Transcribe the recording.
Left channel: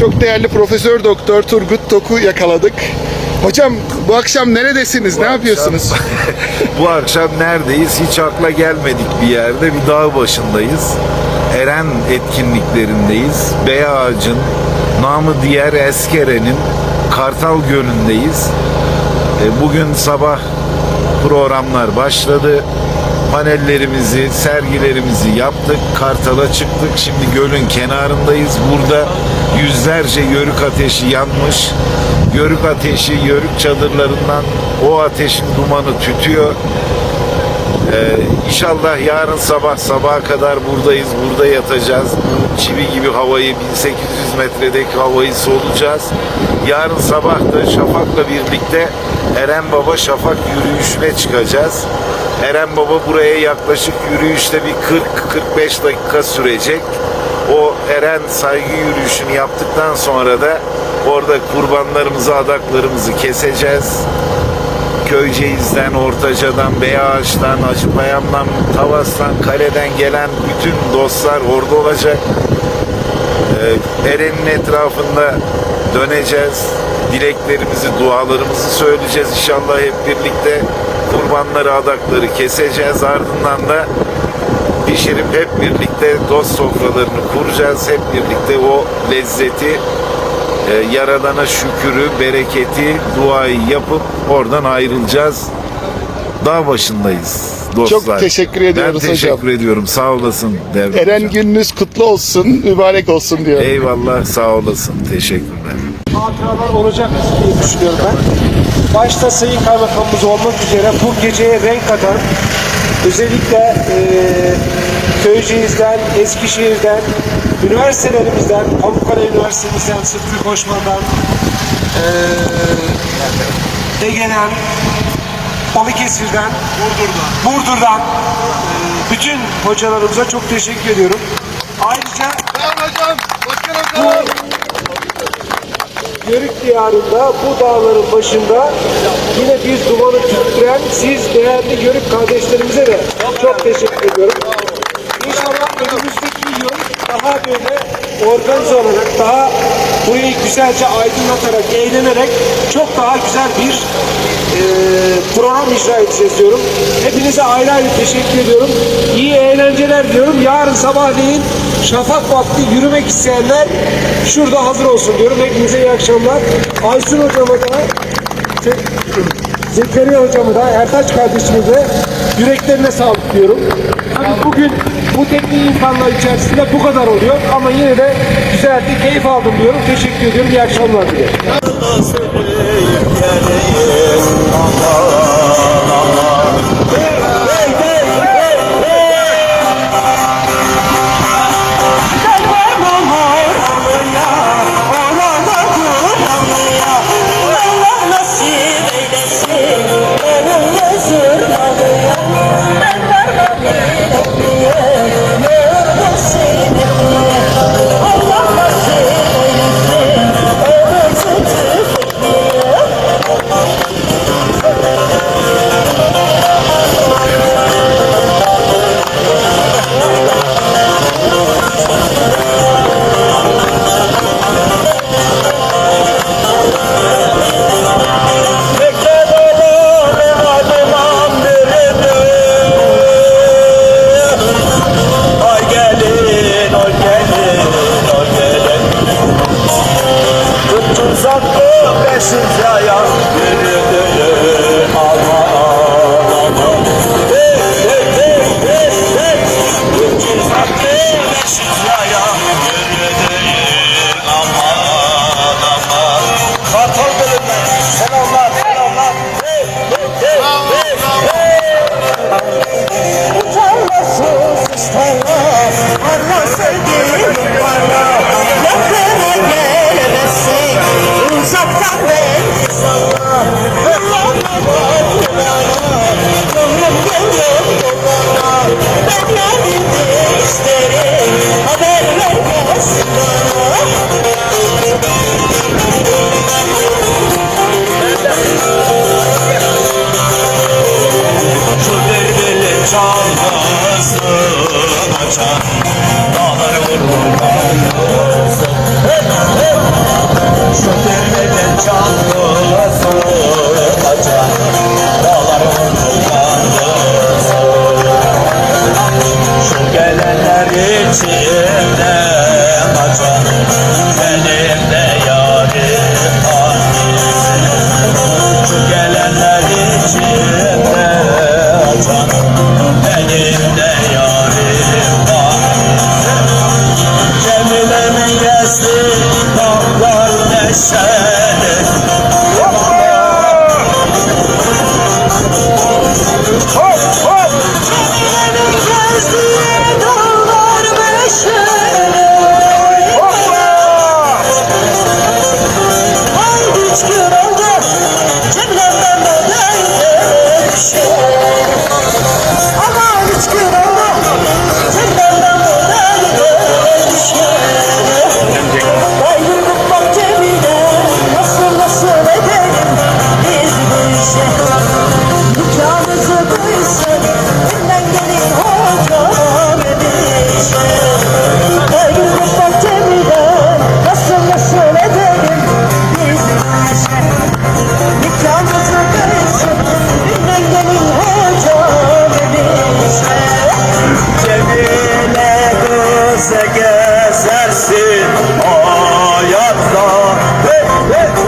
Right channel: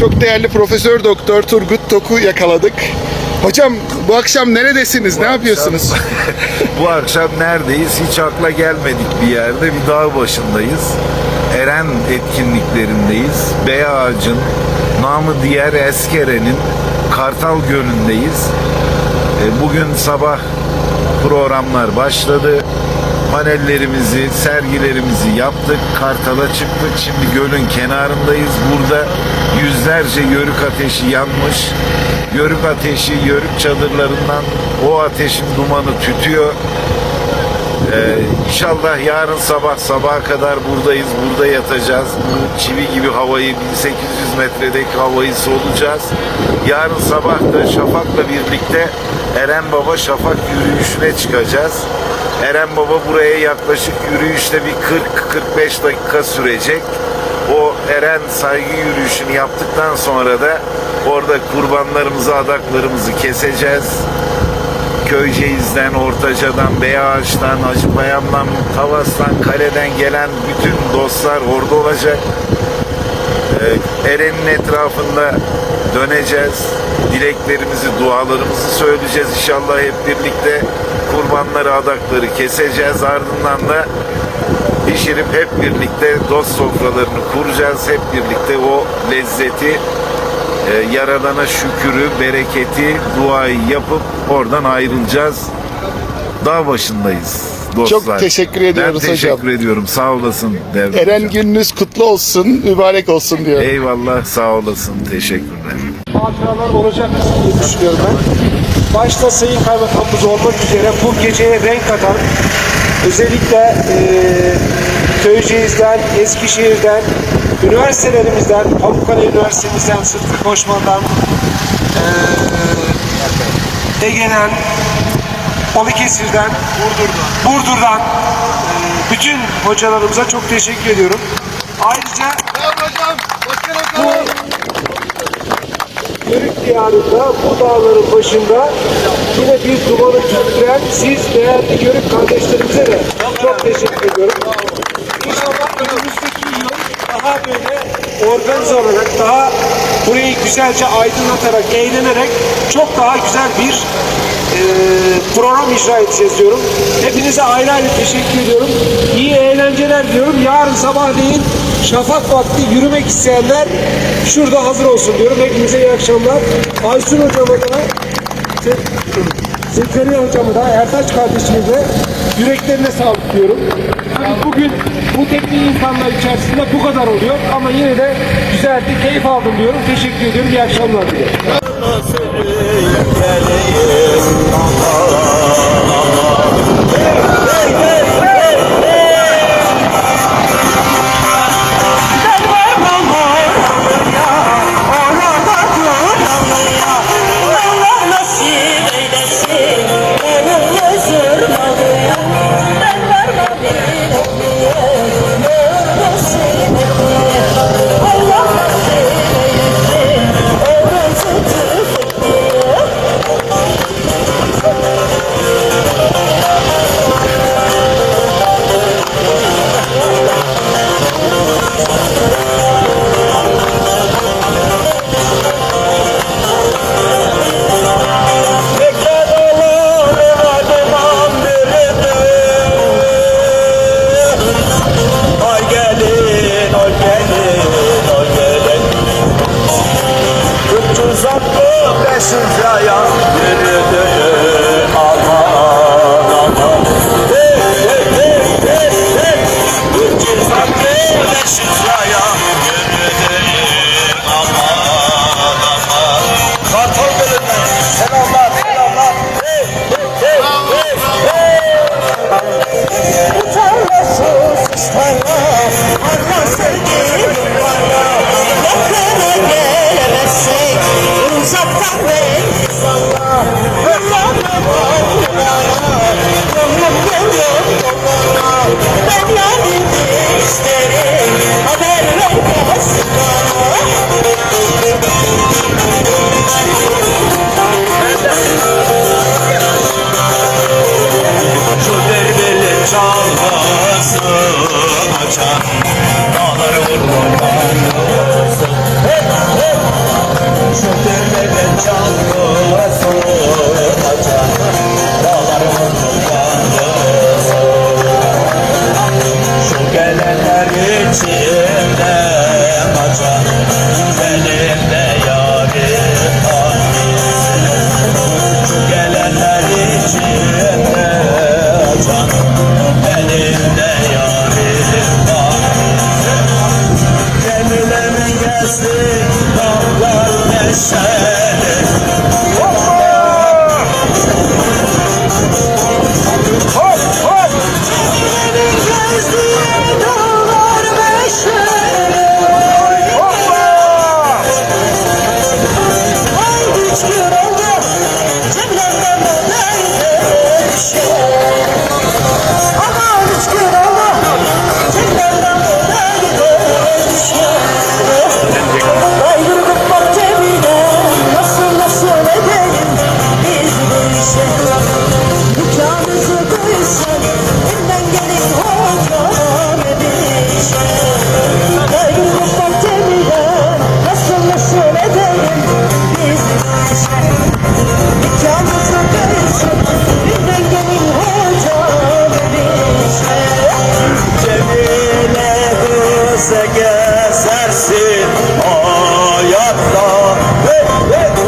çok değerli Profesör Doktor Turgut Tok'u yakaladık. Hocam bu akşam neredesiniz? Ne yapıyorsunuz? Bu akşam neredeyiz? Hiç akla gelmedik bir yerde. Bir dağ başındayız. Eren etkinliklerindeyiz. Bey Ağacın, namı diğer Eskere'nin Kartal Gölü'ndeyiz. E, Bugün sabah programlar başladı. Panellerimizi, sergilerimizi yaptık. Kartal'a çıktık. Şimdi gölün kenarındayız. Burada yüzlerce yörük ateşi yanmış. Yörük ateşi, yörük çadırlarından o ateşin dumanı tütüyor. Ee, inşallah yarın sabah sabaha kadar buradayız, burada yatacağız. Çivi gibi havayı 1800 metredeki havayı solacağız. Yarın sabah da Şafak'la birlikte Eren Baba Şafak yürüyüşüne çıkacağız. Eren Baba buraya yaklaşık yürüyüşte bir 40-45 dakika sürecek. O Eren saygı yürüyüşünü yaptıktan sonra da orada kurbanlarımızı, adaklarımızı keseceğiz. Köyceğiz'den, Ortaca'dan, Beyağaç'tan, Acıbayan'dan, Kavas'tan, Kale'den gelen bütün dostlar orada olacak. Ee, Eren'in etrafında döneceğiz. Dileklerimizi, dualarımızı söyleyeceğiz. İnşallah hep birlikte kurbanları, adakları keseceğiz. Ardından da pişirip hep birlikte dost sofralarını kuracağız. Hep birlikte o lezzeti e, Yaradan'a şükürü, bereketi, duayı yapıp oradan ayrılacağız. Dağ başındayız dostlar. Çok teşekkür ediyoruz ben teşekkür hocam. ediyorum. Sağ olasın Devran Eren hocam. gününüz kutlu olsun, mübarek olsun diyorum. Eyvallah sağ olasın. Teşekkürler. hatıralar olacak diye düşünüyorum ben. Başta Sayın Kaymakamımız olmak üzere bu geceye renk atan özellikle eee Köyceğiz'den, Eskişehir'den, üniversitelerimizden, Avrupa'da Üniversitemizden, Sıtkı Koşman'dan, eee Ege'den, Balıkesir'den, Burdur'dan, eee, bütün hocalarımıza çok teşekkür ediyorum. Ayrıca diyarında bu dağların başında yine bir dumanı tüttüren siz değerli Yörük kardeşlerimize de çok teşekkür ediyorum. İnşallah önümüzdeki yıl daha böyle organize olarak daha burayı güzelce aydınlatarak, eğlenerek çok daha güzel bir eee, program icra edeceğiz diyorum. Hepinize ayrı ayrı teşekkür ediyorum. İyi eğlenceler diyorum. Yarın sabahleyin şafak vakti yürümek isteyenler şurada hazır olsun diyorum. Hepinize iyi akşamlar. Aysun hocama da Zekeriya hocamı da Ertaç kardeşimi de yüreklerine sağlık diyorum. Tabii bugün bu teknik insanlar içerisinde bu kadar oluyor ama yine de güzeldi, keyif aldım diyorum. Teşekkür ediyorum. İyi akşamlar diliyorum. Çalmasın